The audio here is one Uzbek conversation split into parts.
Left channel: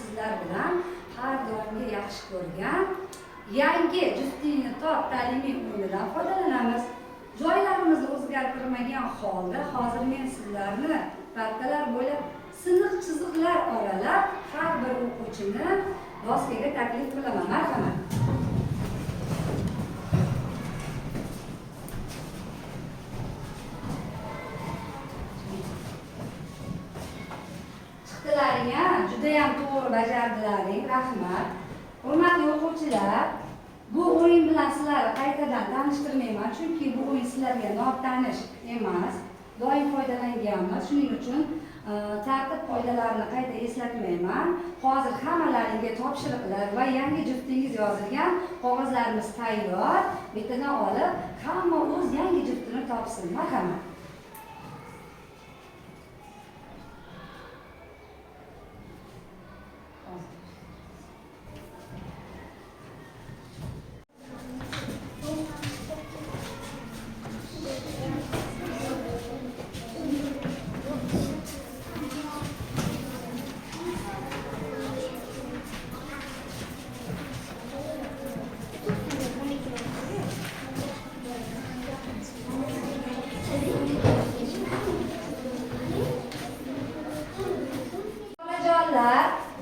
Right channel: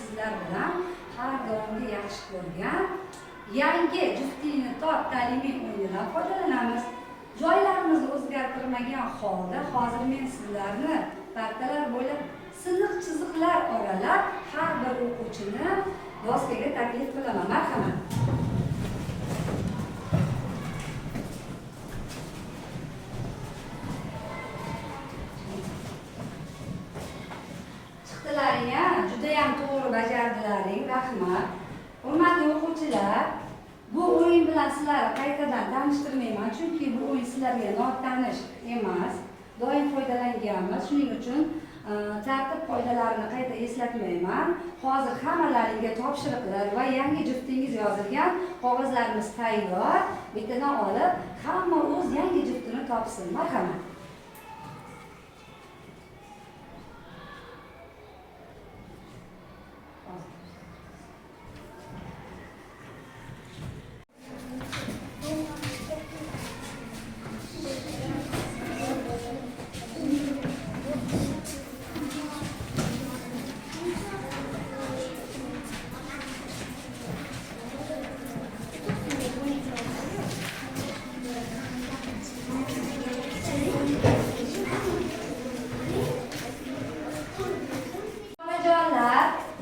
sizlar bilan har doimgi yaxshi ko'rgan yangi juftlikni top ta'limiy o'yinidan foydalanamiz. Joylarimizni o'zgartirmagan holda hozir men sizlarni partalar bo'ylab siniq chiziqlar oralab har bir o'quvchini doskaga taklif qilaman. Marhamat. Chiqdilaring, juda ham to'g'ri bajardilaring. Rahmat. Hurmatli o'quvchilar, bu o'yin bilan sizlarni qaytadan tanishtirmayman, chunki bu o'yin sizlarga notanish emas. Doim foydalanganmiz. Shuning uchun tartib qoidalarini qayta eslatmayman. Hozir hammalaringga topshiriqlar va yangi juftingiz yozilgan qog'ozlarimiz tayyor. Bittadan olib, hamma o'z yangi juftini topsin. Marhamat.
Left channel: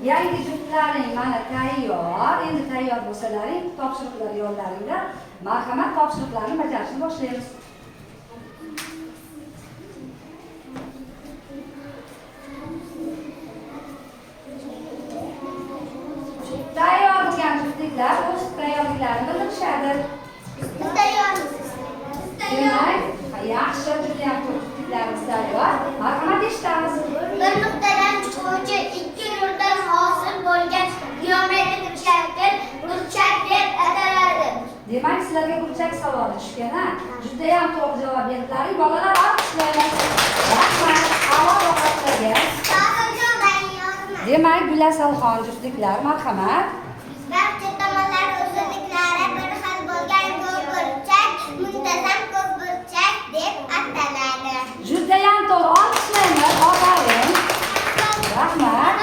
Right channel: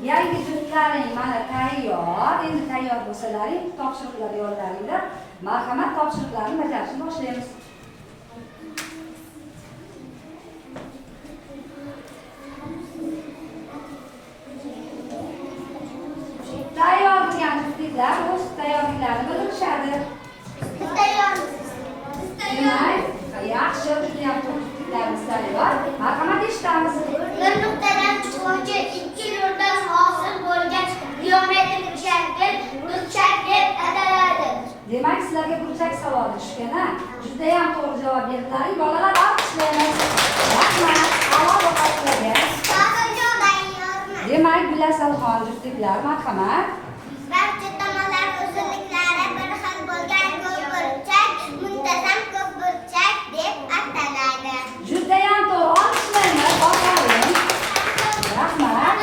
Yangi juftlaring mana tayyor. Endi tayyor bo'lsalaring, topshiriqlar yo'llaringlar. Marhamat, topshiriqlarni bajarishni boshlaymiz. Tayyor bo'lgan juftliklar o'z tayyorliklarini bildirishadi. Demak, yaxshi juda ham juftliklarimiz tayyor. Marhamat, eshitamiz. Bir nuqtadan chiquvchi ikki nurdan hosil bo'lgan geometrik shakl burchak deb ataladi. Demak, sizlarga burchak savoli tushgan-a? Juda ham to'g'ri javob berdilaring. Bolalar, olqishlaymiz. Rahmat. Avval o'qituvchilarga. Demak, Gulasalxon juftliklar, marhamat. Barcha tomonlar uzunliklari bir xil bo'lgan ko'pburchak muntazam ko'pburchak deb ataladi. Juda ham to'g'ri. Olqishlaymiz. Ofarin. Rahmat.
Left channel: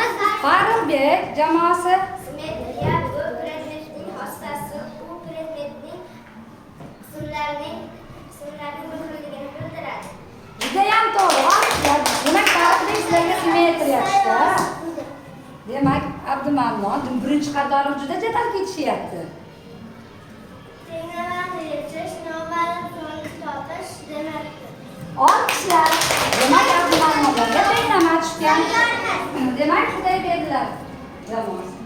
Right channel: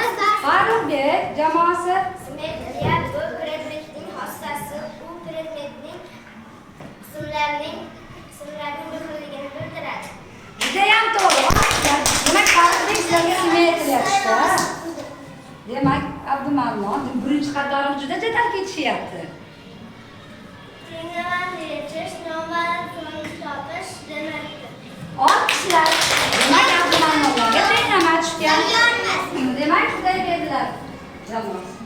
Farruxbek jamoasi. Simmetriya bu predmetning xossasi, u predmetning qismlarining bir xilligini bildiradi. Juda ham to'g'ri. Olqishlar. Demak, Farruxbek sizlarga simmetriya tushdi. Demak, Abdumamnon birinchi qatori juda jadal ketishyapti. Tenglamani yechish, noma'lum so'nggi topish demakdir. Olqishlar. Demak, Abdumamnonlarga tenglama tushgan. Demak, shunday berdilar jamoasi.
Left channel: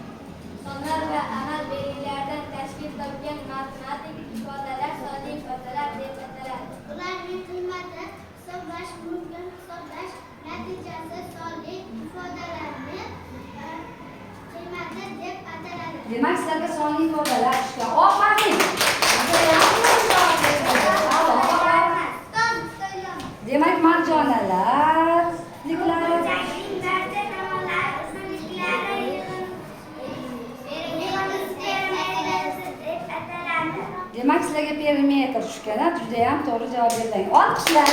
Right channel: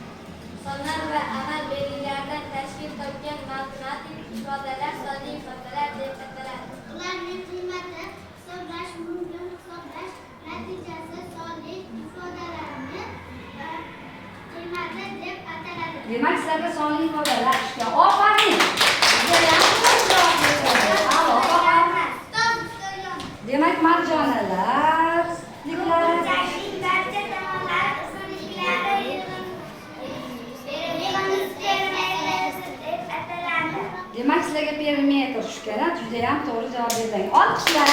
Sonlar va amal belgilaridan tashkil topgan matematik ifodalar sonli ifodalar deb ataladi. Ularning qiymati hisoblash mumkin, hisoblash natijasi sonli ifodalarni qiymati deb ataladi. Demak, sizlarga sonli ifodalar tushgan. Ofarin. Demak, marjonalar, demak, sizlarga perimetr tushgan. Juda ham to'g'ri javob berding. Olqishlar.